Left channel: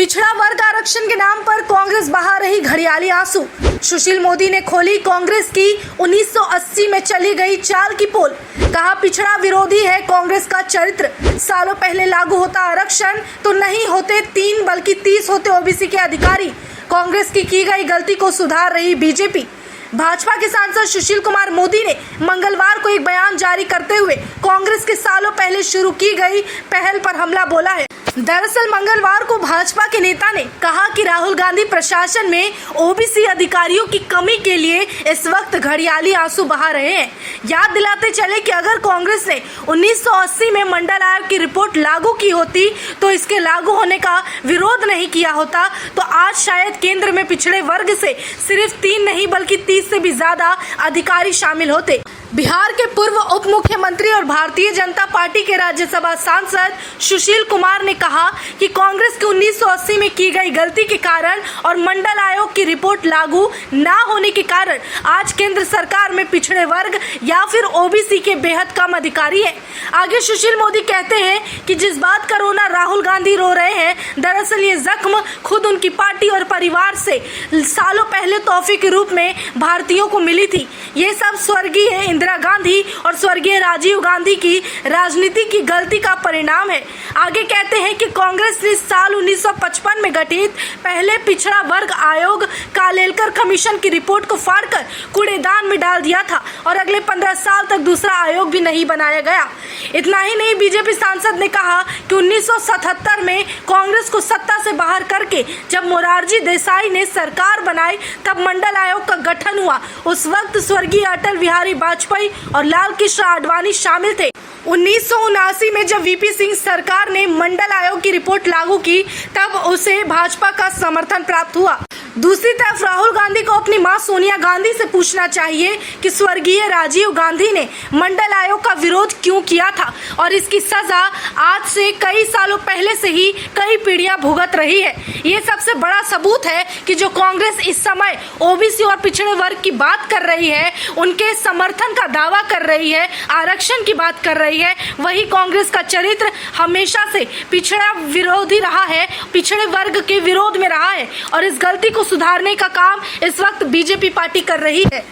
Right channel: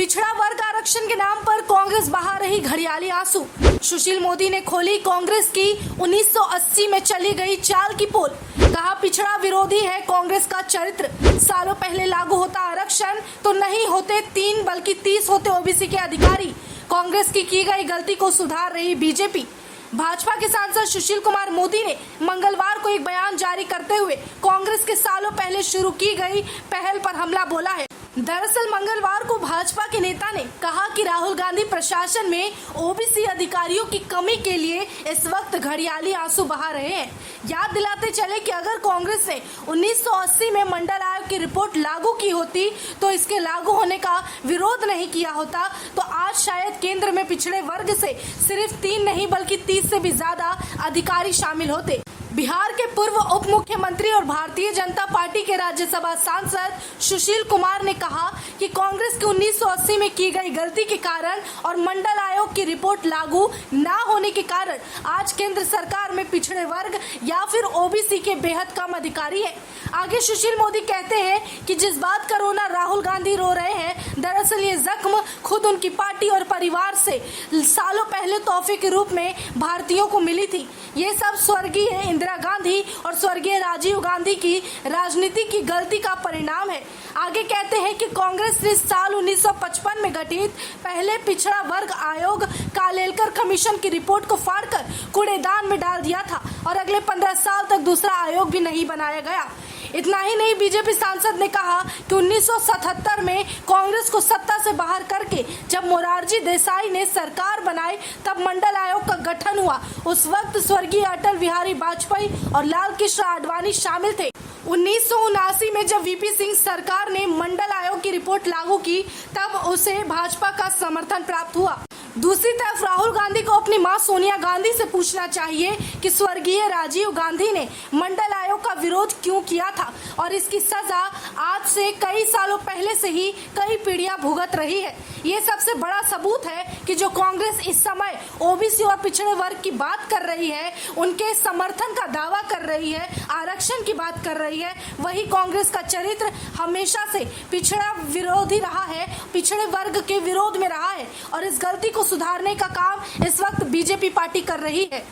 पिछड़ा वर्ग आरक्षण के नाम पर कांग्रेस बहा रही घड़ियाली आंसू। सुशील मोदी ने खोली कांग्रेस की 1980 में चली गई चाल की पोल। कहा पिछड़ा विरोधी है कांग्रेस का चरित्र। सालों पहले लागू होता आरक्षण तो नहीं होते 3 बल्कि 30 होते ओबीसी के अधिकारी। कांग्रेस की गई गलती को सुधार रही बीजेपी। भाजपा के सांसद सुशील कुमार मोदी ने मंगलवार को एक बयान जारी करते हुए कांग्रेस के सालों पहले शुरू की गई पहल पर हमला बोला है। दरअसल मंगलवार को भाजपा के नेता ने कहा कि राहुल गांधी प्रशासन में ओबीसी अधिकारियों की कमी के लिए इस वक्त घड़ियाली आंसू बहा रहे हैं। याद दिलाते चले कि अगर कांग्रेस ने 1980 में मंडल आयोग की रिपोर्ट लागू की होती तो इसके लागू होने का विरोध नहीं किया होता तो आज शायद केंद्र में पिछड़े वर्ग से सिर्फ 3 नहीं बल्कि 30 से भी ज्यादा अधिकारी शामिल होते। बिहार के पूर्व उप मुख्यमंत्री और भारतीय जनता पार्टी के राज्यसभा सांसद सुशील कुमार ने कहा कि कांग्रेस की 1980 में की गई गलती के कारण और मंडल आयोग की रिपोर्ट लागू ना होने के कारण आज केंद्र सरकार में पिछड़े वर्ग या फिर ओबीसी के बेहद कम अधिकारी है। आगे सुशील मोदी कहते हैं कि जिस बात का रोना राहुल गांधी रो रहे हैं, दरअसल ये जख्म खुद उनकी पार्टी और परिवार से सालों पहले तोहफे के रूप में भारतीयों को मिली थी। ये सब स्वर्गीय इंदिरा गांधी और स्वर्गीय राजीव गांधी की राजनीति की गलती का परिणाम है। आगे कहते हैं कि कांग्रेस ने साल 1955 में गठित पहले पिछड़ा वर्ग आयोग कालेलकर कमीशन की रिपोर्ट को फाड़कर कूड़ेदान में डाल दिया था और अगले 15 साल तक दूसरा आयोग भी नहीं बनाया गया। इतना ही नहीं, बीजेपी सांसद ने कहा कि 1977 में कांग्रेस को सत्ता से बाहर करके जब मोरारजी देसाई ने सरकार बनाई तब मंडल आयोग का गठन हुआ। उस वक्त स्वर्गीय अटल बिहारी वाजपेयी और लाल कृष्ण आडवाणी शामिल थे। 1979 में जब वीपी सिंह सरकार ने मंडल आयोग की रिपोर्ट लागू की तब उसे भाजपा का समर्थन प्राप्त हुआ। दूसरी तरफ राहुल गांधी को अपनी मां सोनिया गांधी से पूछना चाहिए कि स्वर्गीय राजीव गांधी ने मंडल आयोग का विरोध क्यों किया था और इसकी सजा आज से कई सालों पहले से ही कई पीढ़ियां भुगत रही है। ये सबसे बड़ा सबूत है कि जो कांग्रेस इस समय ओबीसी और पिछड़े वर्ग की बात कर रही है, उनके समर्थन का दावा कर रही है, आरक्षण की बात कर रही है, वही कांग्रेस का चरित्र हमेशा से पिछड़ा विरोधी रहा है, पिछड़े वर्ग के विरोध में रहा है और इस गलती को सुधारने का काम इस वक्त बीजेपी पार्टी कर रही है।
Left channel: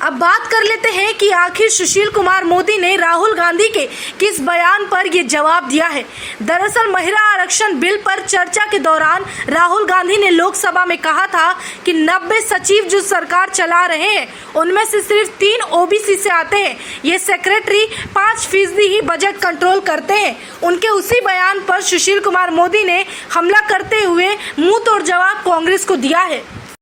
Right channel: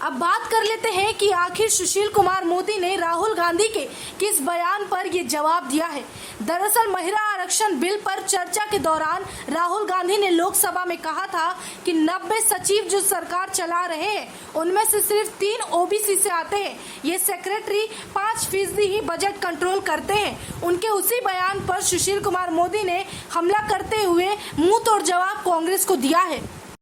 अब बात कर लेते हैं कि आखिर सुशील कुमार मोदी ने राहुल गांधी के किस बयान पर ये जवाब दिया है। दरअसल महिला आरक्षण बिल पर चर्चा के दौरान राहुल गांधी ने लोकसभा में कहा था कि 90 सचिव जो सरकार चला रहे हैं उनमें से सिर्फ 3 ओबीसी से आते हैं। ये सेक्रेटरी 5% ही बजट कंट्रोल करते हैं। उनके उसी बयान पर सुशील कुमार मोदी ने हमला करते हुए मुंह तोड़ जवाब कांग्रेस को दिया है।